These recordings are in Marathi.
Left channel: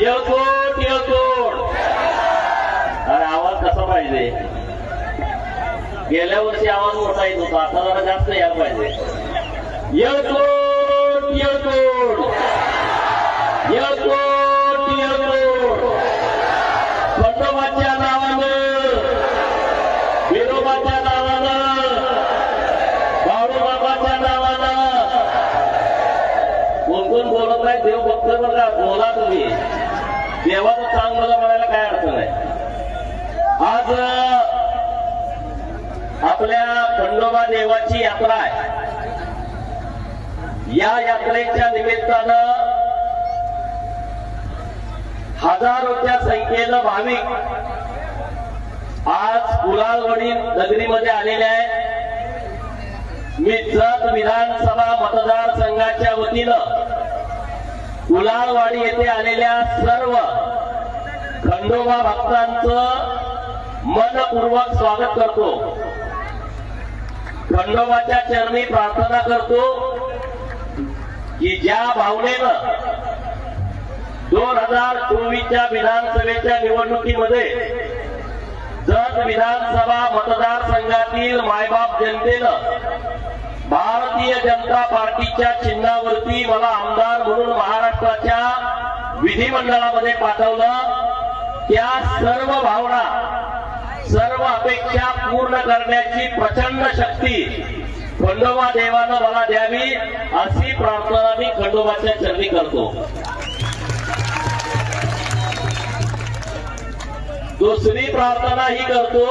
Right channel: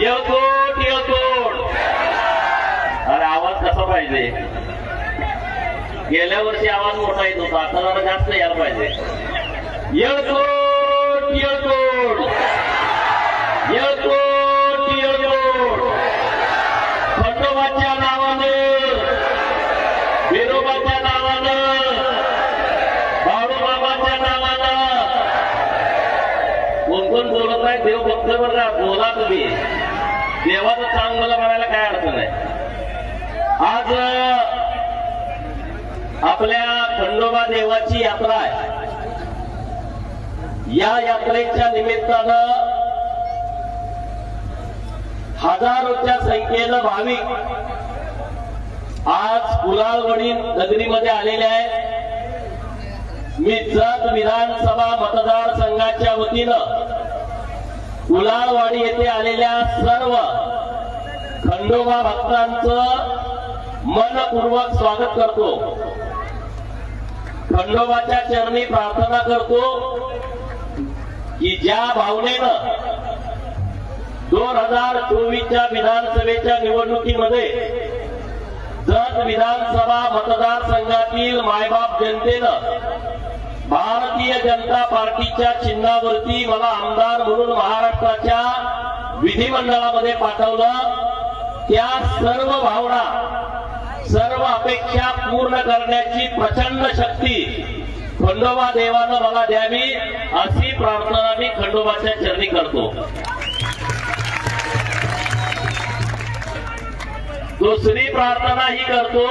येतोट येतोट अरे आवाज कसा पाहिजे? गेल्या वर्षी आवाज मोठा येत होता आता जरा जास्त यायला पाहिजे. येतोट येतोट येतोट येतोट खंडोबाच्या नावानं विरोबाच्या नावानं बाळूबाबाच्या नावानं. कोण कोण बोलत नाही देव बघतो बघा बोला तुम्ही. देवाचं चांगलं म्हणायला काय अडचण आहे? आज आपल्या खंडोबा देवाची यात्रा आहे. या यात्रेच्या निमित्तानं हजारोच्या संख्येनं भाविक आज कुलालवडी नगरीमध्ये आलेले आहेत. मी जत विधानसभा मतदारसंघाच्या वतीनं कुलालवाडी येथे आलेल्या सर्व खंडोबा भक्तांचं मनपूर्वक स्वागत करतो. खंडोबाच्या चरणी प्रार्थना करतो की ज्या भावनेनं दोन हजार चोवीसच्या विधानसभेच्या निवडणुकीमध्ये जत विधानसभा मतदारसंघातील मायबाप जनतेनं भारतीय जनता पार्टीच्या चिन्हावरती मला आमदार म्हणून महाराष्ट्राच्या विधिमंडळामध्ये पाठवलं. त्या सर्व भावना सर्व अपेक्षा पूर्ण करण्याची प्रचंड शक्ती खंडोबा देवानं मला द्यावी अशी प्रार्थना मी खंडोबाच्या चरणी करतो. दुसरी प्रार्थना ही करतो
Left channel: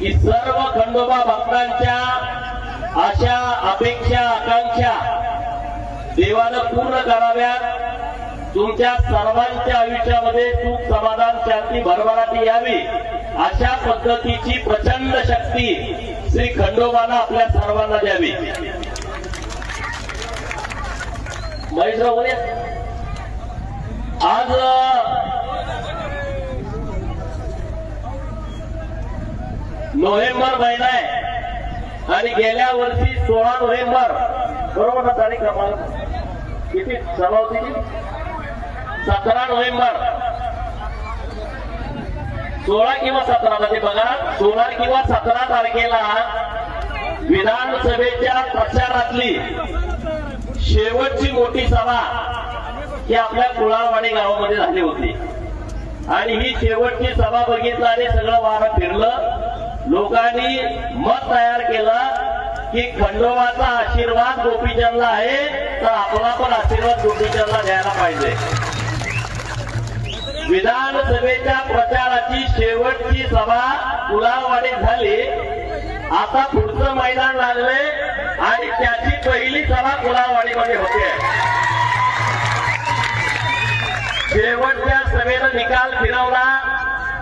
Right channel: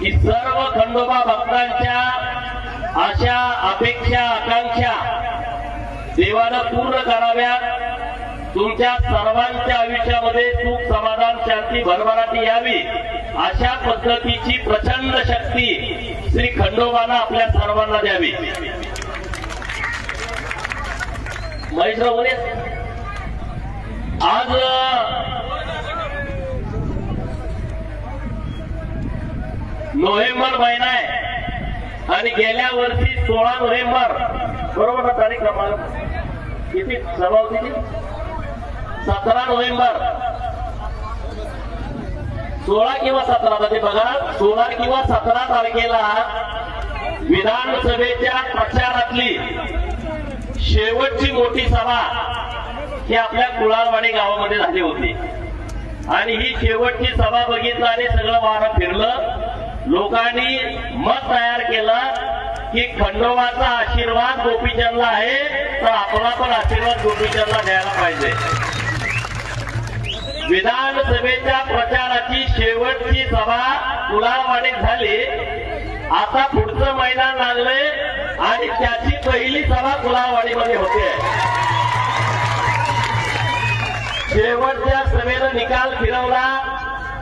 की सर्व खंडोबा भक्तांच्या अशा अपेक्षा आकांक्षा देवानं पूर्ण कराव्यात. तुमच्या सर्वांच्या आयुष्यामध्ये सुख समाधान शांती भरभराटी यावी. अशा पद्धतीची प्रचंड शक्ती श्री खंडोबानं आपल्या सर्वांना द्यावी. आज नोव्हेंबर महिना आहे. आणि गेल्या वर्षी सोळा नोव्हेंबर. बरोबर ना तारीख? क्रमांक किती? सभा होती सतरा नोव्हेंबर. सोळा किंवा सतरा म्हणजे बघा. सोळा किंवा सतरा तारखेला विधानसभेच्या प्रचारातली शेवटची मोठी सभा ही आपल्या कुळावाडी गावामध्ये झाली होती. आणि ही शेवटची सभा बघितलं आणि सगळं वाहन फिरलं. लोकांनी मत तयार केलं की खंडोबाचा आशीर्वाद गोपीचंदला आहे तर आपला पण आशीर्वाद गोपीचंदला द्यायला पाहिजे. विधानसभेच्या प्रचाराची शेवटची सभा कुलावाडीत झाली. आता पुढचं मैदान लागले आणि त्याची पहिली सभा कुलावाडीमध्ये होते. शेवटच्या सभेनं निकाल फिरवला.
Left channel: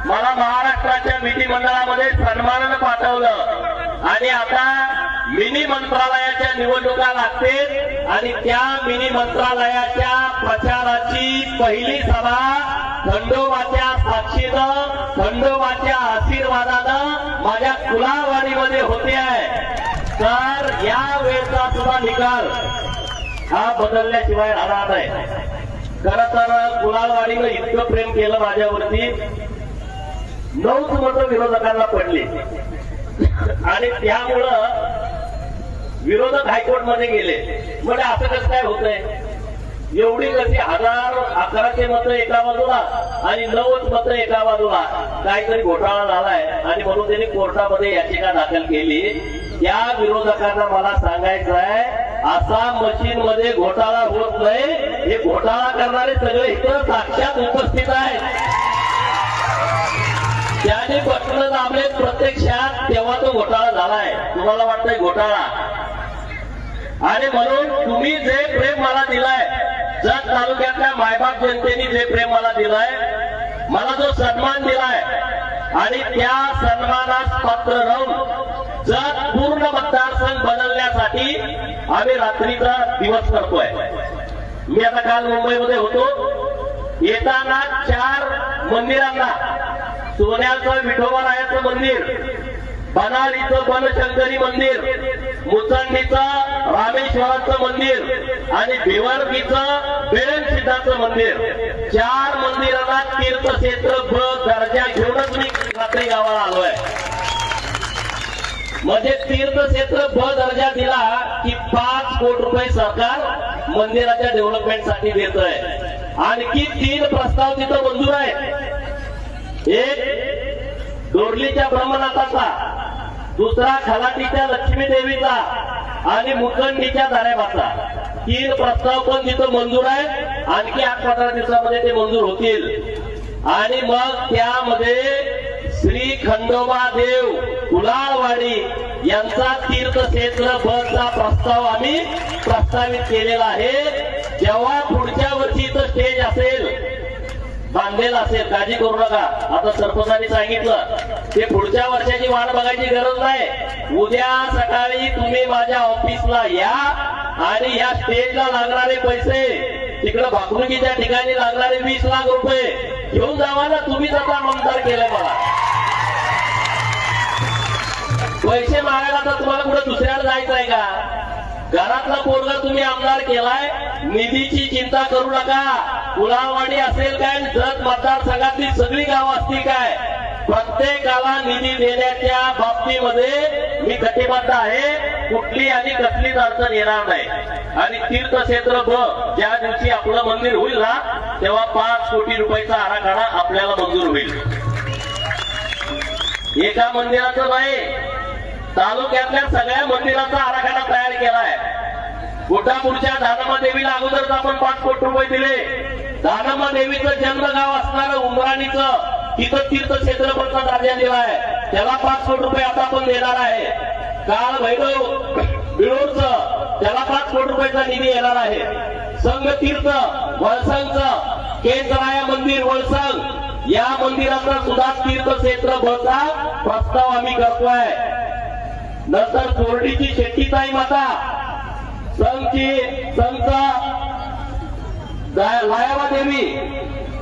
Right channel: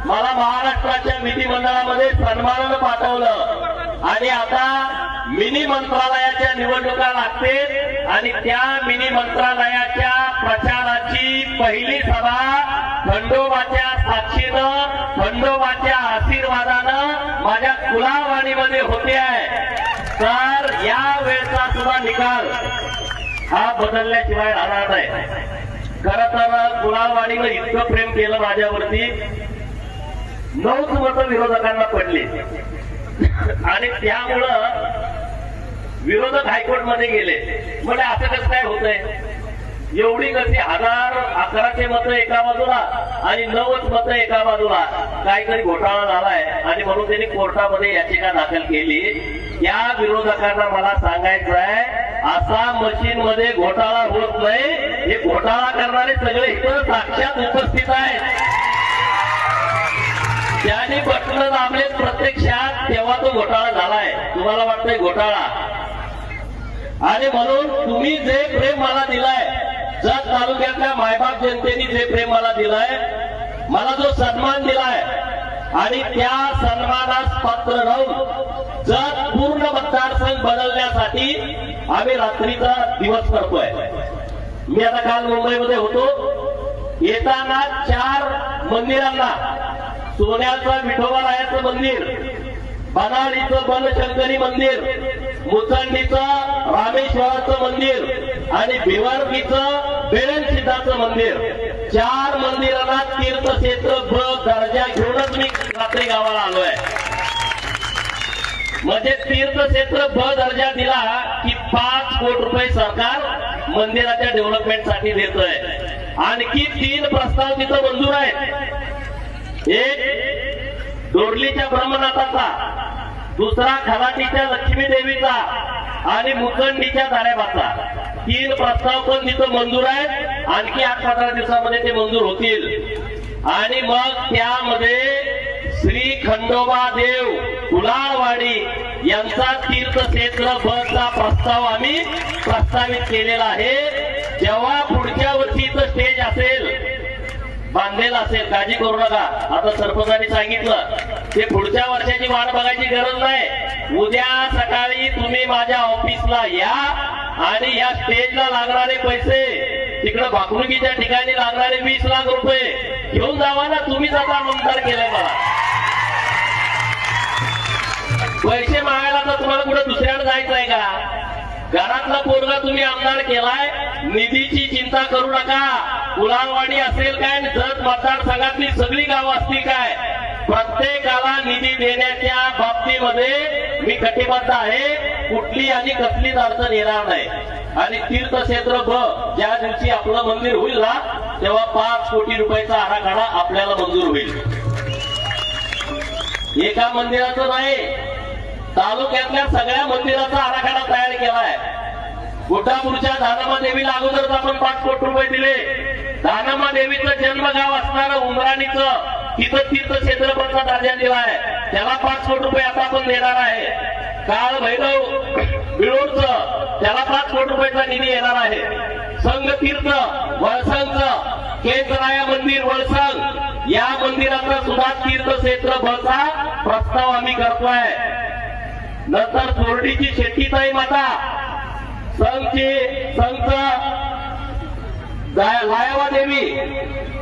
मला महाराष्ट्राच्या विधिमंडळामध्ये सन्मानानं पाठवलं. आणि आता मिनी मंत्रालयाच्या निवडणुका लागतील आणि त्या मिनी मंत्रालयाच्या प्रचाराची पहिली सभा खंडोबाच्या साक्षीनं खंडोबाच्या आशीर्वादानं माझ्या कुलावाडीमध्ये होते. आहे तर या वेळचा सुद्धा निकाल हा बदलल्याशिवाय राहणार नाही. खर तर कुलावाणीनं इतकं प्रेम केलं माझ्यावरती. नऊ मतं विरोधकांना पडली. आणि त्यामुळं विरोधक हायकोर्टमध्ये गेले. म्हणजे असं कसं काय होतंय? एवढी कशी हजार अकराचे मत एका बाजूला आणि नऊच मत एका बाजूला. काहीतरी घोटाळा झालाय आणि म्हणून त्यांनी कोर्टामध्ये याचिका दाखल केली. या विरोधकांना मला सांगायचं आहे असा मशीन मध्ये घोटाळा होत नाही. हे घोटाळा करणारे सगळे इतर साक्षात उपस्थित आहेत. त्याने बटणं दाबले प्रत्यक्षात तेव्हा तो घोटाळा झालाय. तुम्हाला वाटतंय घोटाळा? आणि म्हणून तुम्ही जे प्रेम मला दिलाय जत तालुक्यातल्या मायबाप जनतेने जे प्रेम मला दिलाय मला जो सन्मान दिलाय आणि त्या सन्मानास पात्र राहून जत पूर्ण मतदारसंघ बदलण्यासाठी आम्ही रात्रीचा दिवस करतोय. मी आता काल मुंबईमध्ये होतो. येताना चार मंदिरांना सोन्याचं विठोबा मंदिर बनाळीचं बनशंकरी मंदिर मुचंडीचं रामेश्वराचं मंदिर आणि भिवारकीचं बेरनसिद्धाचं मंदिर. चार मंदिरांना तीर्थक्षेत्र ब दर्जा घेऊनच मी रात्री गावाला आलोय. म्हणजे तीर्थक्षेत्र ब दर्जा दिला की पाच कोटी रुपये सरकार मंदिराच्या डेव्हलपमेंटसाठी देत आहे आणखी तीन प्रस्ताव तिथं मंजूर आहेत. एक डोरलीच्या ब्रह्मनाथाचा. दुसरा खलाटीच्या लक्ष्मी देवीचा आणि मुखंडीच्या धारेबाचा तीन प्रस्ताव पण तिथं मंजूर आहेत. आणखी आठ पंधरा दिवसामध्ये ते मंजूर होतील. आणि मग त्यामध्ये श्री खंडोबा देव कुलाळवाडी यांचा तीर्थक्षेत्र बसचा प्रस्ताव आम्ही प्रस्तावित केलेला आहे. जेव्हा पुढच्या वर्षी इथं स्टेज असेल बांधलेला असेल काळजी करू नका. आता सरपंचांनी सांगितलं ते पुढच्या वर्षाची वाट बघायची गरज नाही. उद्या सकाळी तुम्ही माझ्या ऑफिसला या आणि या स्टेजला लागणारे पैसे तिकडे भाकरुकीच्या ठिकाणी लागणारे वीस लाख रुपये घेऊन जावा ना तुम्हीच आता मंतर केले मला. पैसे मागायला तर तुम्हाला कुठे दुसऱ्याला जायचं आहे का? घरातला पोरगा तुम्ही आमदार केलाय निधीची चिंता करू नका. कुलावाडी असेल काय जत मतदारसंघातली सगळी गावं असतील काय? प्रत्येकाला निधी देण्याच्या बाबतीमध्ये मी कटिबद्ध आहे. कुठली आणि कसलीच अडचण येणार नाही. आणि तीर्थक्षेत्र ब ज्या दिवशी आपलं मंदिर होईल ना तेव्हा पाच कोटी रुपयाचा आराखडा आपल्याला मंजूर होईल. एका मंदिराचं नाही तालुक्यातल्या सगळ्या मंदिराचा आराखडा तयार केलाय. गुटापूरच्या दानमा देवीला अगोदरच आपण पाच कोटी रुपये दिले. दानमा देवीचं जन्मगाव असणारं उमराणीचं. तिथं तीर्थक्षेत्र बनचा दर्जा आहे. त्याला पाच कोटी रुपये आता पण देणार आहे. काळ भैरव बिळूरचं त्याला पाच कोटी रुपयाचा निधी येणार आहे. संघ तीर्थ वळसंगचं केसराया मंदिर वळसंग या मंदिराचा सुद्धा तीर्थक्षेत्र बनचा प्रस्ताव आम्ही करतोय. नंतर चोरडीची शेट्टीताई माता संघची संत लायावा देवी.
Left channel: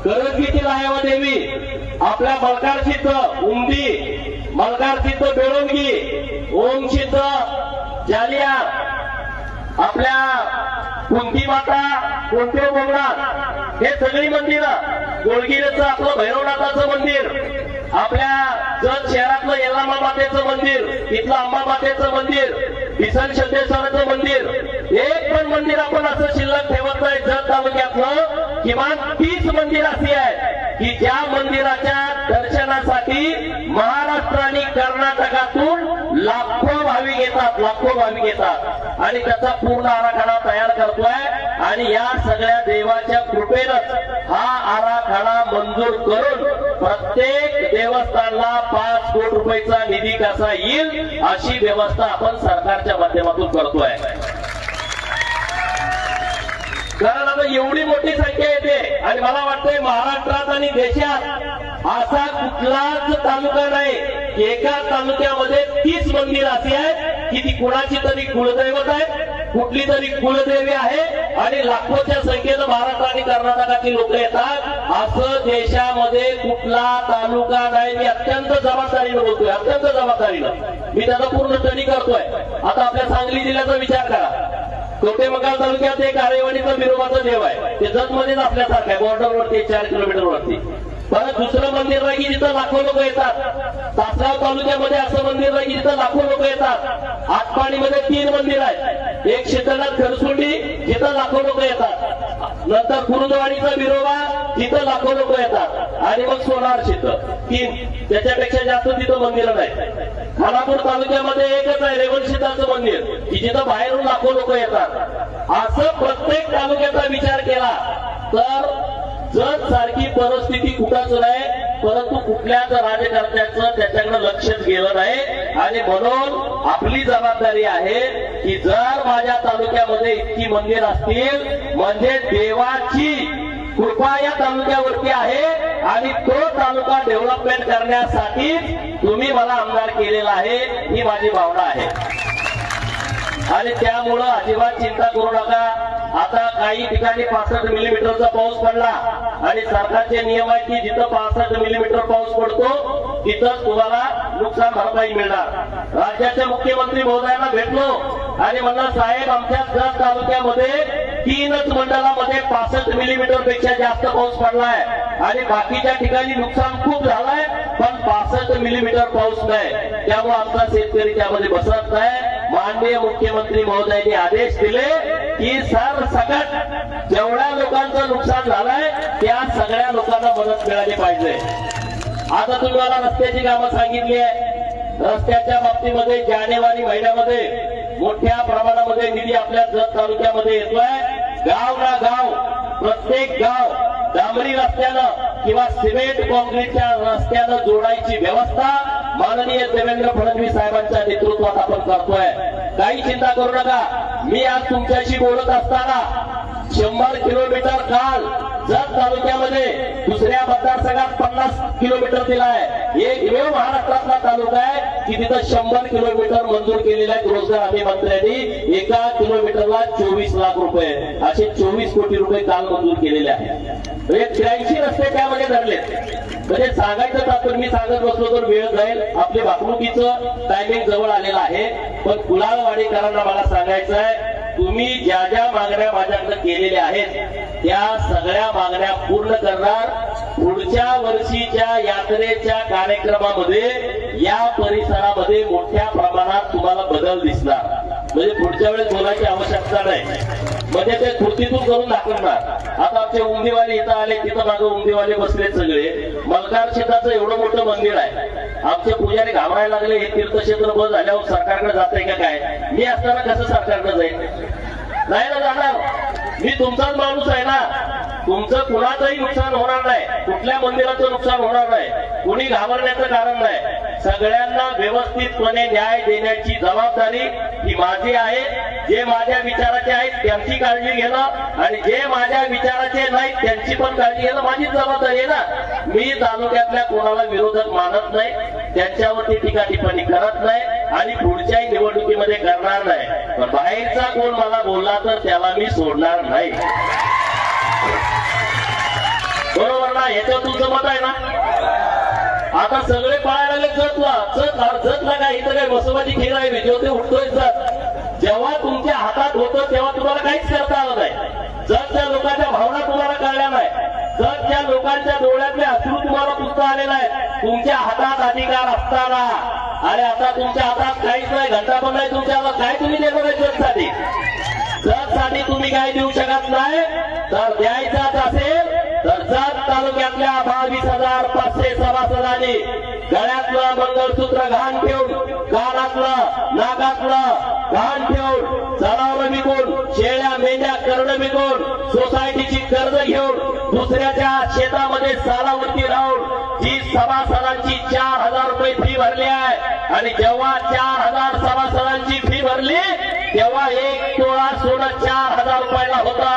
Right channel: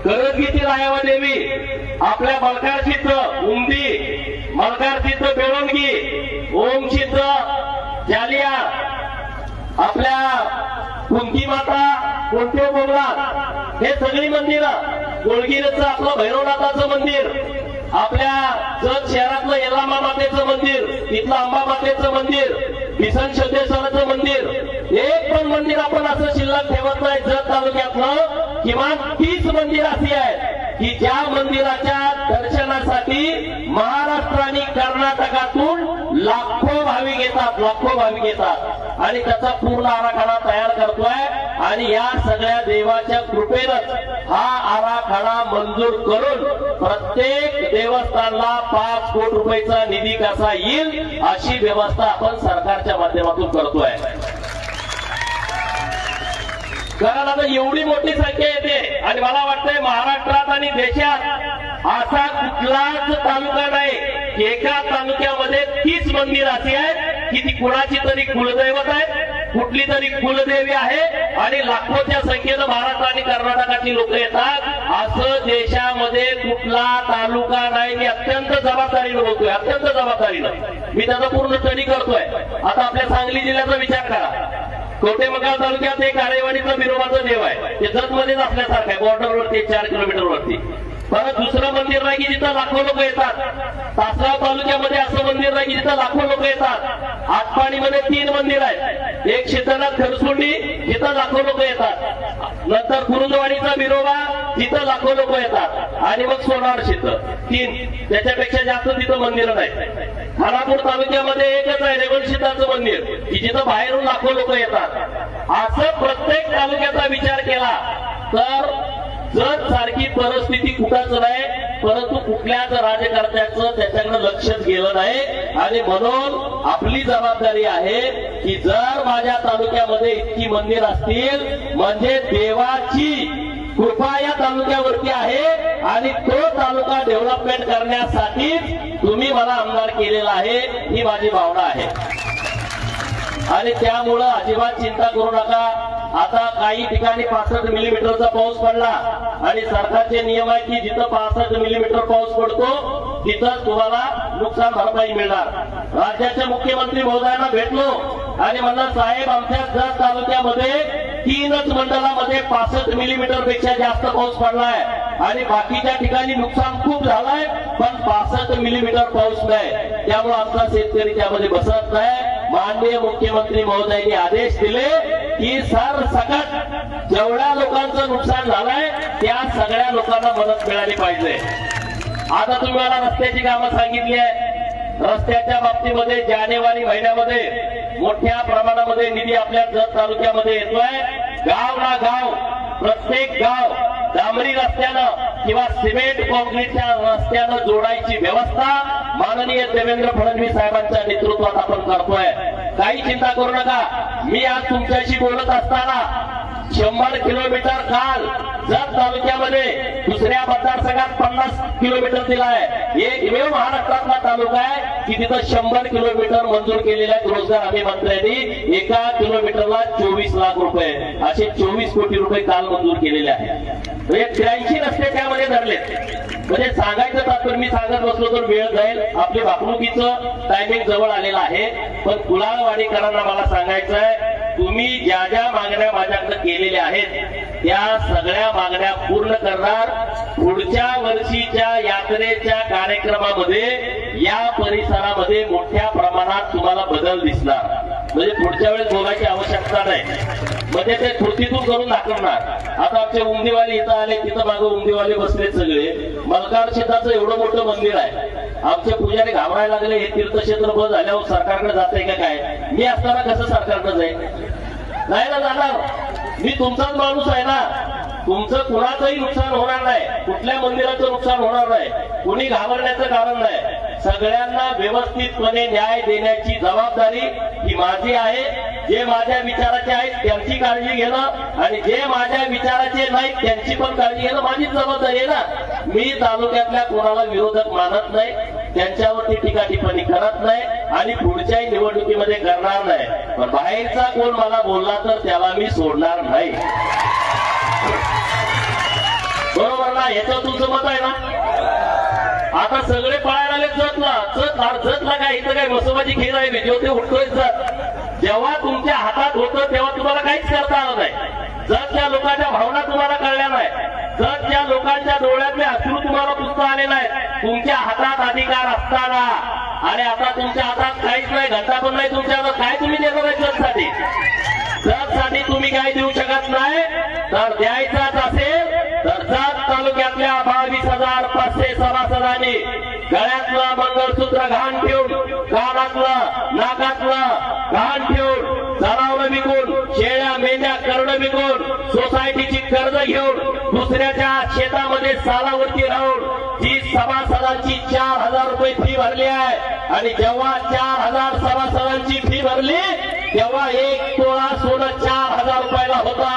करंजीची लायावा देवी. आपल्या मलकारशीच उमदी. मलकारशीच बेळंगी. ओमशीच जालिया. आपल्या कुंती माता कोणते बोलणार हे सगळी मंदिरं. गोळगिरीचं आपलं भैरवनाथाचं मंदिर. आपल्या जत शहरातलं येलामा मातेचं मंदिर. तिथलं अंबा मातेचं मंदिर. किसन सिद्धेश्वराचं मंदिर. एक पण मंदिर आपण असं शिल्लक ठेवत नाही. जत तालुक्यातलं किमान तीस मंदिर अशी आहेत. की त्या मंदिराच्या दर्शनासाठी महाराष्ट्र आणि कर्नाटकातून लाखो भाविक येतात लाखो भाविक येतात. आणि त्याचा पूर्ण आराखडा तयार करतोय. आणि या सगळ्या देवाच्या कृपेनंच हा आराखडा मंजूर करून प्रत्येक देवस्थानला पाच कोटी रुपयाचा निधी कसा येईल अशी व्यवस्था आपण सरकारच्या माध्यमातून करतोय. कारण आता एवढी मोठी संख्या येते. आणि मला वाटतंय महाराष्ट्रात आणि देशात असा कुठलाच तालुका नाही एका तालुक्यामध्ये तीस मंदिर अशी आहेत की ती कुणाची तरी कुलदैवत आहे कुठली तरी कुलदेवी आहे आणि लाखोच्या संख्येनं महाराष्ट्र आणि कर्नाटकाची लोक येतात. असं देशामध्ये कुठला तालुका नाही. मी अत्यंत जबाबदारीनं बोलतोय अत्यंत जबाबदारीनं. मी त्याचा पूर्ण स्टडी करतोय. आता आपल्या सांगली जिल्ह्याचा विचार करा. कोटेमंगाल तालुक्यात एक आरेवाडीचं बिरोबाचं देव आहे. ते जगमध्येच आपल्यासारखं आहे. बॉर्डरवरती चार किलोमीटर वरती. परत दुसरं मंदिर आहे की जिथं लाखो लोक येतात. तासगाव तालुक्यामध्ये असं मंदिर आहे की जिथं लाखो लोक येतात. आटपाडीमध्ये तीन मंदिर आहेत. एक शीतलनाथ खरसुंडी जिथं लाखो लोक येतात. नंतर कुरुंदवाडीचा बिरोबा तिथं लाखो लोक येतात. आणि मग सोनार शीतळ तीन. त्याच्यापेक्षा जास्त तिथं मंदिर नाही. खानापूर तालुक्यामध्ये एकच आहे रेवण शीताचं मंदिर. की जिथं बाहेरून लाखो लोक येतात. असं प्रत्येक तालुक्याचा विचार केला तर जर सारखी परिस्थिती कुठंच नाही परंतु कुठल्याच राज्यकर्त्याचं त्याच्याकडे लक्षच गेलं नाही. आणि म्हणून आपली जबाबदारी आहे की जर माझ्या तालुक्यामध्ये इतकी मंदिर असतील म्हणजे देवाची कृपा या तालुक्यावरती आहे आणि तो तालुका डेव्हलपमेंट करण्यासाठीच तुम्ही मला आमदार केलेला आहे ही माझी भावना आहे. आणि त्यामुळं अजिबात चिंता करू नका. आता काही ठिकाणी पासष्ट मिलीमीटरचा पाऊस पडला. आणि सरकारचे नियम आहे की जिथं पासष्ट मिलीमीटर पाऊस पडतो तिथं तुम्हाला नुकसान भरपाई मिळणार. राज्याच्या मुख्यमंत्री महोदयांना भेटलो आणि म्हणलं साहेब आमच्या जत तालुक्यामध्ये तीनच मंडळामध्ये पासष्ट मिलीमीटरपेक्षा जास्त पाऊस पडलाय. आणि बाकीच्या ठिकाणी नुकसान खूप झालंय पण पासष्ट मिलीमीटर पाऊस नाही. त्यामुळे आमचा शेतकरी त्यामध्ये बसत नाही. माननीय मुख्यमंत्री महोदयांनी आदेश दिले की सर सकट जेवढ्या लोकांचं नुकसान झालंय त्या सगळ्या लोकांना मदत मिळाली पाहिजे. आता तुम्ही मला रस्त्याची कामं सांगितली आहे रस्त्याच्या बाबतीमध्ये जानेवारी महिन्यामध्ये मोठ्या प्रमाणामध्ये निधी आपल्या जत तालुक्यामध्ये येतोय. गाव ना गाव प्रत्येक गाव डांबरी रस्त्यानं किंवा सिमेंट कॉन्क्रीटच्या रस्त्यानं जोडायची व्यवस्था माननीय देवेंद्र फडणवीस साहेबांच्या नेतृत्वात आपण करतोय. काही चिंता करू नका. मी आज तुमच्याशी बोलत असताना शंभर किलोमीटर काल जत तालुक्यामध्ये दुसऱ्या मतदारसंघात पन्नास किलोमीटर दिलाय आहे. वेळ महाराष्ट्रातला तालुका आहे की तिथं शंभर किलोमीटर मंजूर केलेल्या आहेत रोजगार हमी मंत्र्यांनी एका किलोमीटरला चोवीस लाख रुपये असे चोवीस कोटी रुपये काल मंजूर केलेले आहेत. म्हणजे त्र्याऐंशी रस्ते त्यामध्ये धरले म्हणजे सांगायचं तात्पर्य मी सांगत बसलो तर वेळ जाईल. आपली वागणुकीचं टायमिंग जवळ आलेलं आहे. पण कुलाळवाडीकरांना मला सांगायचं आहे तुम्ही ज्या ज्या मागण्या माझ्याकडे केलेल्या आहेत त्या सगळ्या मागण्या पूर्ण करणार. पुढच्या वर्षीच्या यात्रेच्या कार्यक्रमामध्ये या परिसरामध्ये मोठ्या प्रमाणात तुम्हाला बदल दिसणार. म्हणजे पुढच्या वेळेस बोलायची आवश्यकता नाही. म्हणजे ते कृतीतून करून दाखवणार. आता आमचे उंदीवाले इथं आले तिथं मागं उंदीवाले बसले सगळे. मल्हार शेताचं एवढं मोठं मंदिर आहे. आमचे पुजारी घाबरायला लागले हे तीर्थक्षेत्र बस झाल्यावर सरकारकडे जाते का काय? मी असताना कसं सरकारकडे जाईल नाही ना जाणार. मी तुमचाच माणूस आहे ना. तुमचं कुणाचंही नुकसान होणार नाही. कुठल्या मंदिराचं नुकसान होणार नाही. कुणी घाबरण्याचं कारण नाही. सगळ्यांना व्यवस्थितपणे न्याय देण्याची जबाबदारी ही माझी आहे. जे माझ्या विचाराचे आहेत त्यांची काळजी घेणं आणि जे माझ्या विचाराचे नाहीत त्यांची पण काळजी घेणं माझीच जबाबदारी आहे ना. मी तालुक्यातल्या कोणाला विरोधक मानत नाही त्यांच्यावरती टीका टिप्पणी करत नाही आणि पुढच्याही निवडणुकीमध्ये करणार नाही. पण बाहेरचा कोण मला बोलला तर त्याला मी सोडणार नाही. बरोबर ना? याचं तुमचं मत आहे ना? आता सगळे पळायला लागले जतला जत जतला काय? इथं काय मसोबाची खेळ आहे जेव्हा ते उठतोय जत. जेव्हा तुमच्या हातात होतं तेव्हा तुम्हाला काहीच करता आलं नाही. जतच्या लोकांच्या भावना तुम्हाला कळल्या नाही. त्या लोकांच्या डोळ्यातले अश्रू तुम्हाला पुसता आलेला आहे. तुमच्या हातात अधिकार असताना. आणि आता तुमच्या हातात काहीच नाही घंटा पण नाही तुमच्या हातात. काय तुम्ही देणार आहे जगसाठी? जगसाठी तुम्ही काय देऊ शकत नाही? तर द्यायचाच असेल तर जत तालुक्यातल्या बावीस हजार पाचशे सभासदांनी गळ्यातलं मंगळसूत्र घाण ठेवून कानातलं नाकातलं घाण ठेवून जनावर विकून शेळ्या मेंढ्या करणं विकून सोसायटीची कर्ज घेऊन दुसऱ्याच्या शेतामध्ये सालावरती राहून जी सभासदांची चार हजार रुपये फी भरली आहे आणि जेव्हा चार हजार सभासदांची फी भरली तेव्हा एक तोळा सोनं चार हजार रुपयाला होता.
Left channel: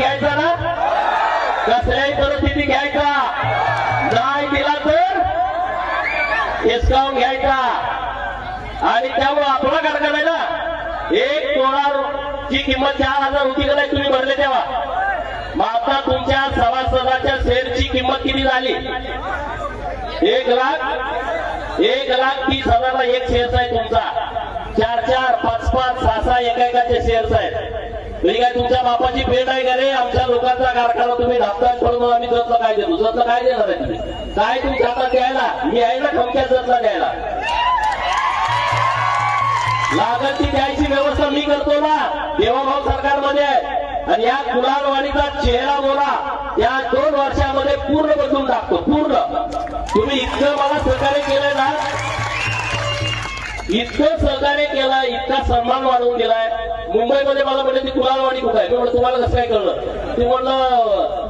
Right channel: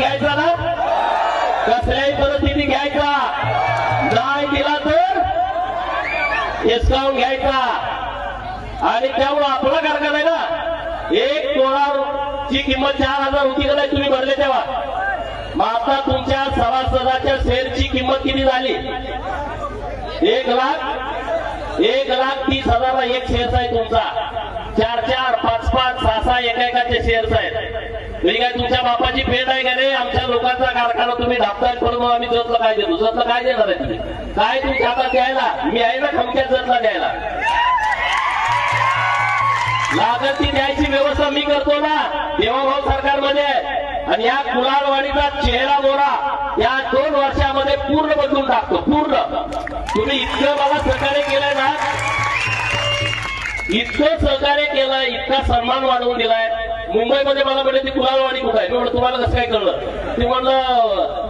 घ्यायचा ना? कसल्याही परिस्थिती घ्यायचा. नाही दिला तर हिसकावून घ्यायचा. आणि त्यामुळे आपला कारखाना आहे ना? एक ची किंमत चार हजार होती का नाही तुम्ही भरले तेव्हा? मग आता तुमच्या सभासदाच्या शेअरची किंमत किती झाली? एक लाख एक लाख तीस हजारला एक शेअरचा आहे तुमचा. चार चार. म्हणजे काय तुमच्या बापाची भेट आहे का रे? आमच्या लोकांचा कारखाना तुम्ही धापताय म्हणून आम्ही जतला काय देतो? जतला काय देणार आहे तुम्ही? काय तुमच्या हातात द्यायला मी आहे ना खमक्या जतला द्यायला लागत ती द्यायची व्यवस्था मी करतो ना. देवाभाव सरकारमध्ये आहे. आणि या कुलारवाडीचा चेहरा बोला. या दोन वर्षामध्ये पूर्ण बदलून टाकतो पूर्ण. तुम्ही इतकं मला सहकार्य केलंय ना. इतकं सहकार्य केलं इतका सन्मान वाढवून दिलाय. मुंबईमध्ये मला म्हणलं ती कुलारवाडी कुठं आहे? मी म्हणलं तुम्हाला कसं काय कळलं? ते म्हणलं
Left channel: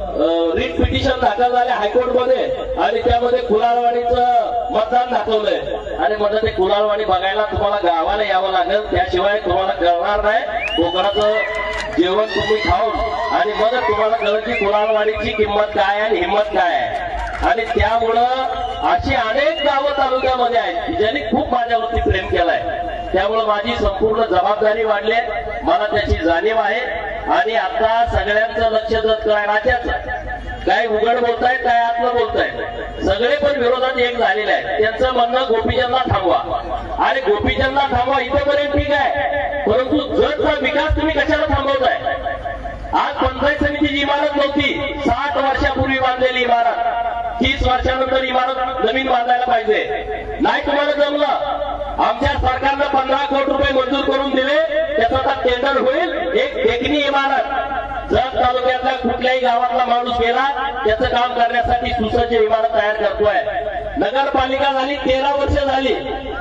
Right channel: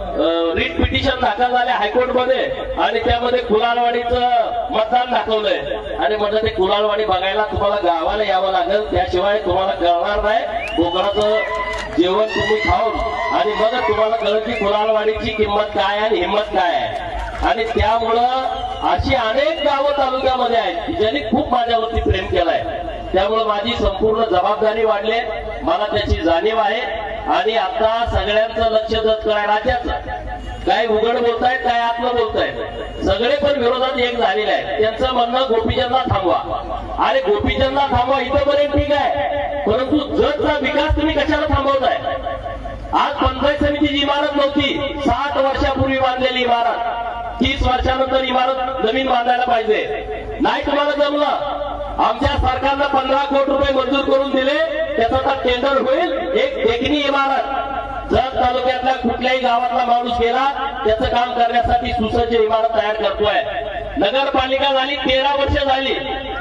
रिट पिटिशन दाखल झाले हायकोर्टमध्ये आणि त्यामध्ये कुलालवाडीचं मतदान दाखवलंय. आणि म्हणलं ते कुलालवाडी बघायला तुम्हाला गावाला यावं लागेल. त्याशिवाय तुम्हाला कळणार नाही. कोकणाचं जेवण तुम्ही खाऊन आणि मग तुम्हाला कळलं की कुलालवाडीची किंमत काय आहे आणि हिंमत काय आहे. आणि त्यामुळं अशी अनेक गावं तालुक्यामध्ये आहेत ज्यांनी खूप माझ्यावरती प्रेम केलाय. त्यामुळे माझी संपूर्ण जबाबदारी वाढली. आहे. मला त्याची जाणीव आहे. आणि आता सगळ्यांचं लक्ष जत काय उघड बोलताय काय आत्म बोलताय. सगळे पण विरोधात एक झालेले आहे त्यांचं म्हणणं गोपीचंदला थांबवा. आणि गोपीचंदला थांबवा इथंपर्यंत ठीक आहे. परंतु जगचा विकास तुम्ही कशाला थांबवताय? आज पंचायत समितीची इमारत नव्हती. सात वर्षापूर्वी बांधलेली इमारत. तीस वर्षानंतर इमारत नवीन बांधायला पाहिजे. नाही तुम्हाला जमलं? आमच्या सरकारनं पंधरा कोटी रुपये मंजूर करून दिले. त्याचा आता टेंडर होईल. एक देखणी इमारत. जर तालुक्यातल्या कुठल्याही गावातला माणूस गेला त्याचं काम करण्यासाठी सुसज्ज इमारत तयार करतोय. नगरपालिका झाली तेरा वर्ष झाली.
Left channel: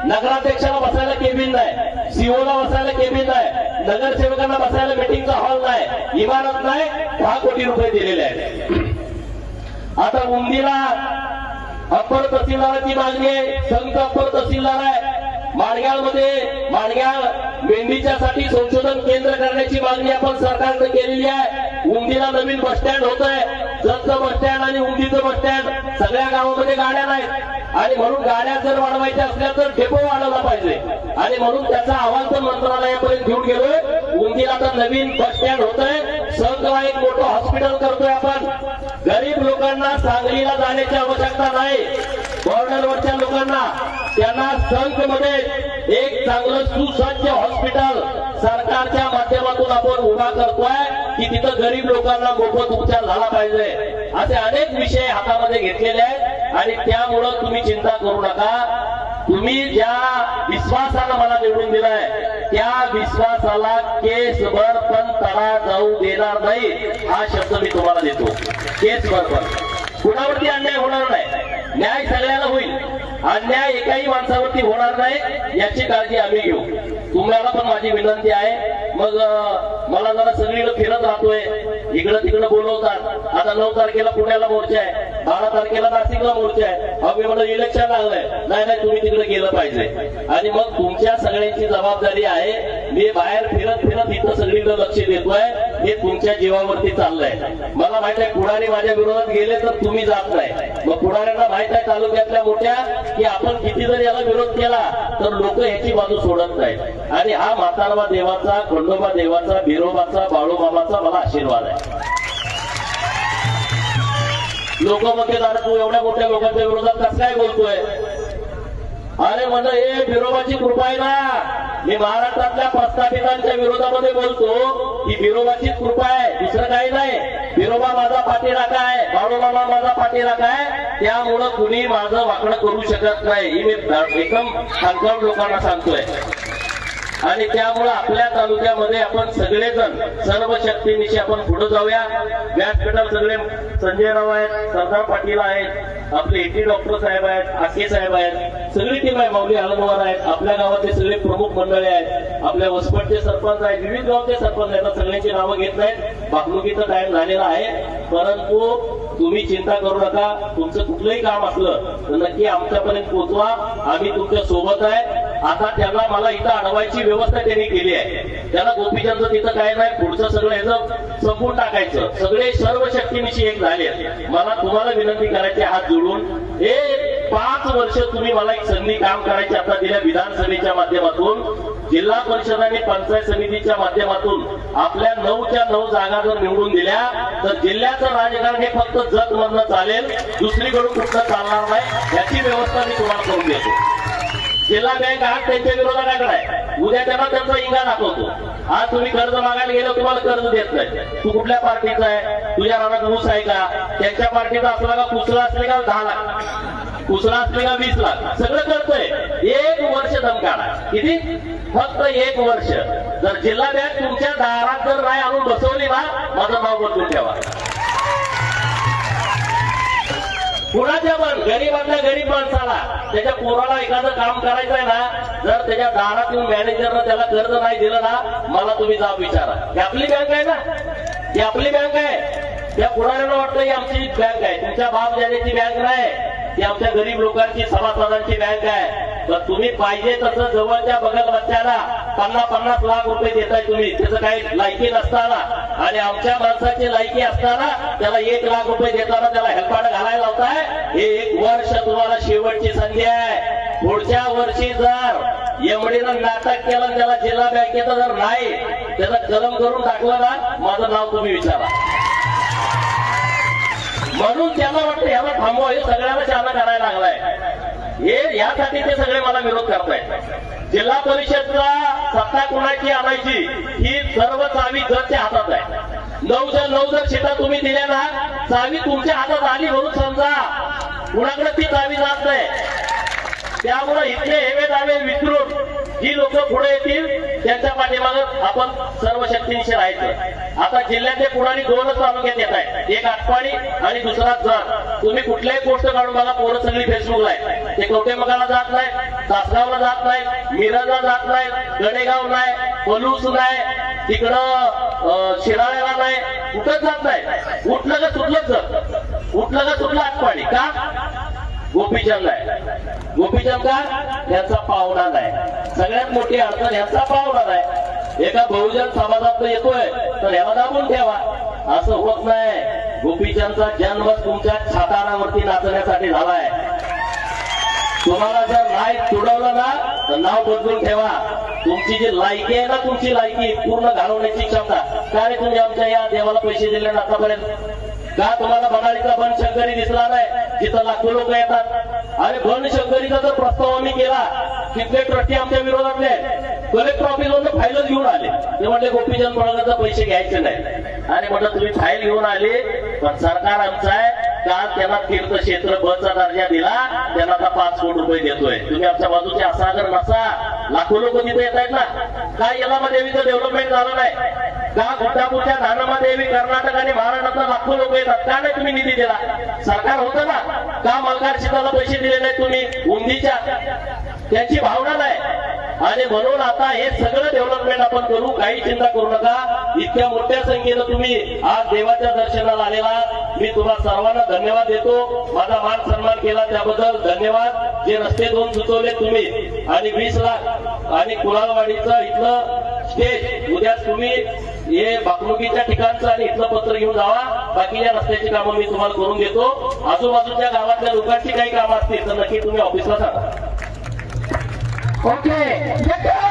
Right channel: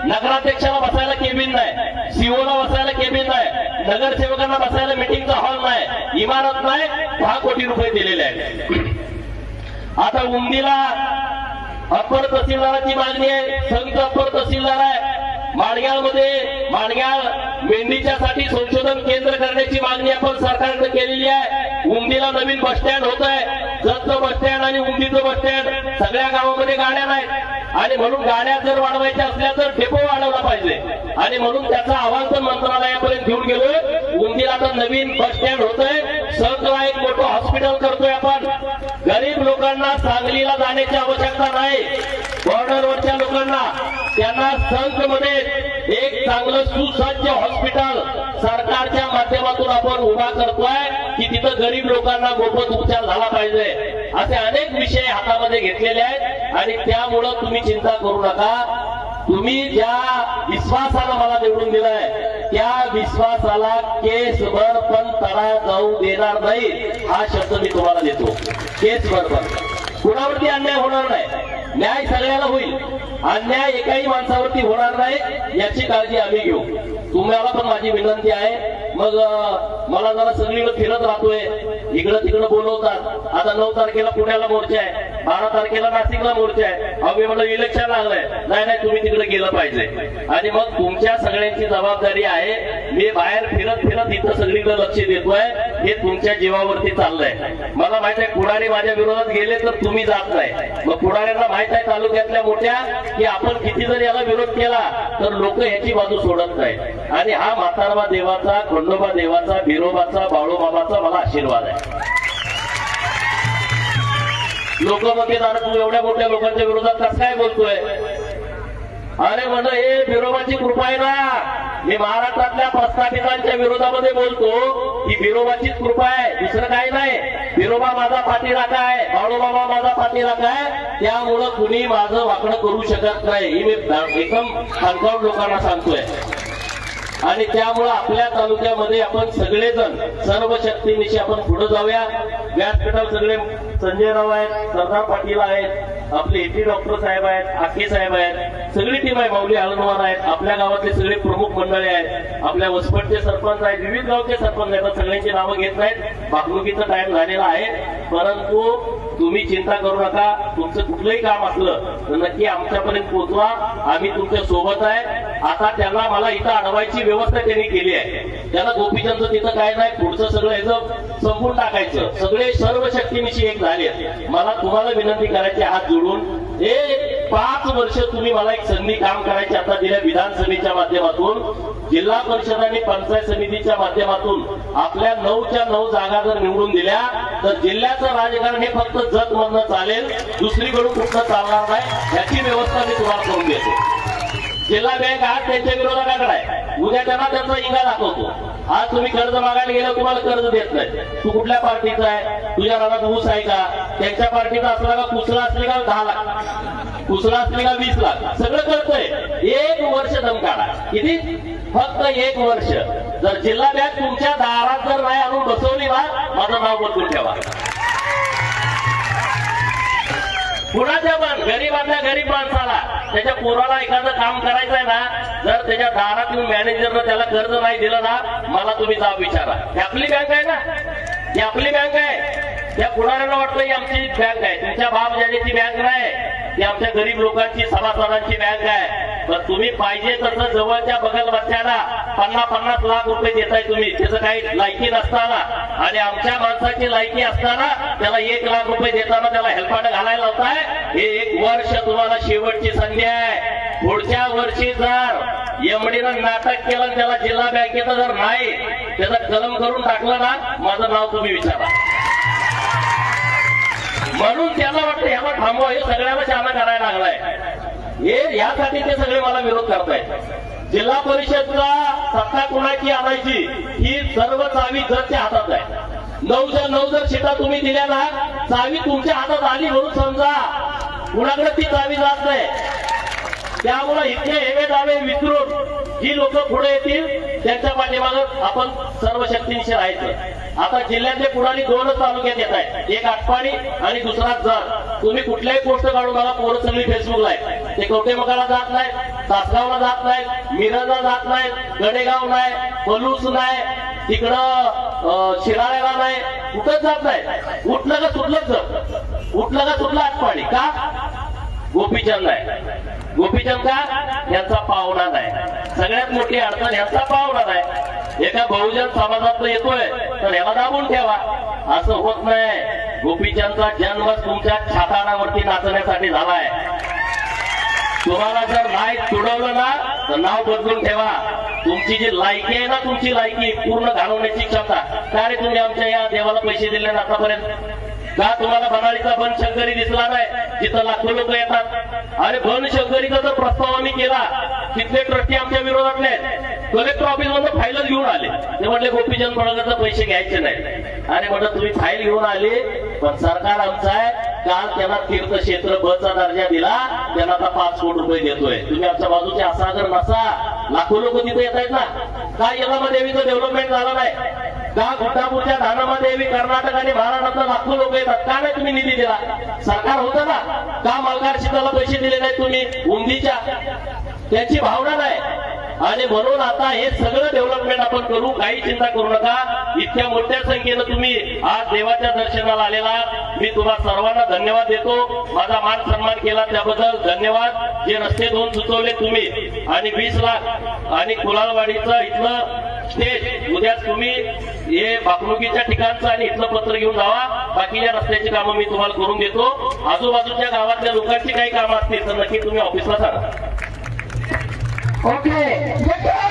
नगराध्यक्षाला बसायला केबिन नाही. सीओला बसायला केबिन नाही. नगरसेवकांना बसायला मिटिंगचा हॉल नाही. इमारत नाही दहा कोटी रुपये दिलेले आहेत. आता उंदीला अप्पर तहसीलदाराची मागणी आहे. संत अप्पर तहसीलदार आहे. माणग्यामध्ये माणग्याळ मेंढीच्यासाठी संशोधन केंद्र करण्याची मागणी आपण सरकारनं केलेली आहे. उंदीला नवीन बस स्टँड होत आहे. जतचं बस स्टँड आणि उंदीचं बस स्टँड सगळ्या गावामध्ये गाड्या नाहीत. आणि म्हणून गाड्या जर वाढवायच्या असल्या तर डेपो वाढवला पाहिजे. आणि म्हणून त्याचा अहवाल तर मंत्रालयापर्यंत घेऊन गेलो उंदीला आता नवीन बस स्टँड होत आहे संघला एक मोठं हॉस्पिटल करतोय आपण. गरीब लोकांना सांगलीला जाण्याची आवश्यकता नाही. बॉर्डरवरच्या लोकांना त्यांना संघमध्ये एक चांगलं सुसज्ज हॉस्पिटल सरकारच्या माध्यमातून आपण उभा करतोय की तिथं गरीब लोकांना मोफत उपचार झाला पाहिजे. असे अनेक विषय हातामध्ये घेतलेले आहेत आणि त्यामुळं तुम्ही चिंता करू नका. तुम्ही ज्या विश्वासानं मला निवडून दिलाय त्या विश्वासाला केसभर पण तडा जाऊ देणार नाही हा शब्द मी तुम्हाला देतो. केसभर पण. कुणावरती अन्याय होणार नाही? न्याय सगळ्यांना होईल. अन्याय एकाही माणसावरती होणार नाही याची काळजी आम्ही घेऊ. तुम्हाला पण माझी विनंती आहे. मग मला जरा सगळीकडे फिरत राहतोय. इकडं तिकडं बोलवतात. आता नऊ तारखेला पुण्याला मोर्चा आहे. बारा तारखेला नाशिकला मोर्चा आहे. अहो मी म्हणलं इलेक्शन लागलंय नाही नाही तुम्ही तिकडे गेलं पाहिजे. आणि मग तुमच्या सगळ्यांची जबाबदारी आहे. मी बाहेर फिरत फिरत इथं सगळीकडे लक्ष देतोय. हे तुमच्या जीवावरती चाललंय. मला माहीत आहे पुढारी माझ्या विरोधात गेले तर तुम्ही जात नाही. मग पुढाऱ्यांना माहीत आहे तालुक्यातल्या मोठ्या की आपण किती जर याला विरोध केला तर लोक ह्याची बाजू सोडत नाही. आणि हा म्हातारबा देवाचा खंडोबा देवाचा बिरोबाचा बाळूबाबाचा मला आशीर्वाद आहे. लोक तू एवढ्या मोठ्या लोकांच्या विरोधात कसं काय बोलतोय? अरे म्हणलं हे बिरोबाची कृपा आहे ना. मी महाराष्ट्रातल्या प्रस्थापितांच्या विरोधामध्ये बोलतो. ही बिरोबाचीच कृपा आहे. दुसरं काही नाही. बिरोबा माझा पाठीराखा आहे. बाळूबाबा माझा पाठीराखा आहे. त्यामुळं कुणी माझं वाकडं करू शकत नाही. ही मी एकदम खानखान लोकांना सांगतोय. आणि त्यामुळं आपल्या तालुक्यामध्ये आपण सगळेजण सर्व शक्तीनिशी आपण पुढे जाऊया. व्यासपीठावर सगळे संजय राव आहेत सरदार पाटील आहेत आपले एटी डॉक्टर साहेब आहेत आके साहेब आहेत सगळी टीम आहे माऊली हळदवार आहेत आपल्या गावातले सगळे प्रमुख मंडळी आहेत आपल्या वसपटचे सरपंच आहेत विविध गावचे सरपंच आहेत सगळ्यांची नावं घेत नाहीत. भागणुकीचा टाइम झालेला आहे. परंतु तुम्ही चिंता करू नका तुमचं कुठलंही काम असलं तर नक्की आमच्यापर्यंत पोहोचवा. आम्ही तुमच्यासोबत आहे. आता त्यांना मला इथं अडवायची व्यवस्था त्यांनी केली आहे. त्याला गोपीचंद तिथं काय नाही पुढचं सगळं याचं संपून टाकायचं. सगळे सर्व शक्तीनिशी एक झाले. मला तुम्हाला विनंती करायची हात जोडून. हे पाच वर्ष तुम्ही मला एक संधी काम करायची आता दिल्या विधानसभेच्या माध्यमातून जिल्हा परिषद आणि पंचायत समितीच्या माध्यमातून. आपल्या नऊच्या नऊ जागा जर निवडून दिल्या तर जिल्ह्याचं राजकारण हे फक्त जत मधनं चालेल. दुसरीकडून कुठं चालणार नाही याची व्यवस्था मी तुम्हाला करून देतो. जिल्हा बँक आज त्यांच्या विरोधाकडे आहे. उद्या त्यांना त्यांचा इंगा दाखवतो. आज तुम्ही कर्ज मागायला गेलं तुम्हाला कर्ज देत नाही. तू कुठल्या पार्टीचा आहे? तुझ्या नावात ऊस आहे का? त्यांच्या पार्टीचा असला का कुसला असले का दहा लाख? कुसला असले का वीस लाख? सगळं करतोय एक वर्ष दम किती? फक्त एक वर्ष. जर जिल्हा बँक तुमच्या दारात जर नाही आणून बसवली ना माझं नाव बदलून ठेवा. कुणाच्या पण? गरीबांना गरीब माणसाला. त्याच्या पोराला एखादं काम करायचं आहे ना जर त्याच्या दारात येऊन मॅनेजरनं त्याला कर्ज नाही दिलं ना मला तुम्ही जाब विचारा. ही आपली बँक आहे ना? ही आपली बँक आहे. त्या कुणाला वाटतं ही आमची बँक आहे. तुमच्या बाप जाण्याची बँक नाही ती आमच्या गरीब लोकांची सभासदांची बँक आहे. पण तुम्ही पाहिजे तसं जवळच्या बगल बच्च्याला पन्नास पन्नास लाख रुपये देताय तुम्ही. त्याचं काही लायकी नसताना. आणि आमच्या माणसाची लायकी असताना त्याला एक लाख रुपये देताना त्याला हेल्पाट घालायला लावताय. हे एक वर्ष तुम्हाला शेवटची संधी आहे. पुढच्या वर्षी जर एमडीनं नाटक केलं त्याला जिल्हा बँकेचं जर नाही त्याचं कलम करून टाकलं ना माझं नाव तुम्ही विचारा. म्हणून त्यांना वाटतं ह्याला थांबवा हे सगळ्यांना शाळा करायला लागलाय. हे यासाठी ते सगळे मला विरोध करतायत. जिल्हा परिषदचा सत्ता कुणाची आणायची ही सर्व चावी जरच्या हातात आहे. नऊच्या नऊ जर सीटा तुम्ही दिल्या ना चावी तुमच्या हातात आली म्हणून समजा कुणाकडे ती चावी जात नाही. त्यामुळे इथले हेवे दावे विसरून जी लोक पुढे येतील त्यांच्या पाठीमागं आपण सर्व शक्तींशी राहायचं. आता जिल्ह्यातले पुढारी दोनच तालुक्यात येत आहेत. एक आटपाडी आणि दुसरा जर तुम्ही कुठल्याही गोष्ट काढून बघा पोरं सगळी फेसबुकला आहे ते कवटेमगाला जात नाही. तासगावला जात नाही. मिरजला जात नाही. गडेगाव नाही. पलूस नाही. तिकडं शिराळ्याला नाही. कुठंच जात नाही. उठलं का सुटलंच जर. उठलं का सुटलं आटपाडी का? गोपीचंद आहे. गोपीचंद का? यांचा पाहुणा नाही. सगळ्यात मोठी अडचण यांचा पाहुणा नाही. एका बहुजन समाजात येतोय तर याला दाबून ठेवा. असं होत नाही. गोपीचंदचा जन्म तुमच्या छातारावरती नाचण्यासाठी झालाय. तुम्हाला जर नाही तुडवलं ना तर नाव बदलून ठेवा. तुमची जी लायकी आहे ना तुमची लायकी पूर्ण घालवण्याची क्षमता का रे तुम्ही आमच्या या देवाला पैसे दिले ना आतापर्यंत? का तुम्हाला बनाळीचा बन शंकरी दिसला नाही जिथं लाखो लोक येतात? आणि बन शंकरीचा जर प्रस्ताव आम्ही केला. तिथले ट्रस्टी आमच्या विरोधातले कलेक्टर ऑफिस मधून फाईल घेऊन आले. ते म्हटले गोपीचंद बळगाचा पैसे घ्यायचे नाही. आणि म्हटलं तुम्ही फाईल घेऊन आले पण सरकार आमचं आहे काल त्यांना तीर्थक्षेत्र बचा दर्जा दिला त्यांना आता पाच कोटी रुपये देतोय. तुम्ही आमच्या बाजूचे असा जर नसा लाखो लोक तिथे येत आहेत ना. का येलामा देवीचं डेव्हलपमेंट झालं नाही? का गुड्डापूरच्या धानामा देवी कर्नाटक आणि महाराष्ट्रातला लाखो लोक येतात? का नाही तुम्ही निधी दिला? सरकार होतं ना. का मल्हार शेताला पैसे दिले नाही तुम्ही? उंदीच्या. त्यांची भावना नाही. आणि म्हणून आता हे सगळं डेव्हलपमेंट आपण करू. काही चिंता करू नका. इतक्या मोठ्या संख्येनं तुम्ही आज देवाच्या दर्शनाला आलेला. मी तुम्हाला सर्वांना धन्यवाद देतो. माझा मान सन्मान केला त्याबद्दल धन्यवाद. जे रस्ते दोन सुचवले तुम्ही आणि वीस लाख आणि कुलालवाडीचं इथलं स्टेज उद्या तुम्ही हे बाकणुकीच्या ठिकाणचं आणि इथलं पत्र घेऊन जावा. बाकीच्या रस्त्याची कामं मी तुम्हाला करून देतो. आजूबाजूच्या गावातल्या लोकांची काही कामं असतील तर नक्की तुम्ही ऑफिसला सांगा ओके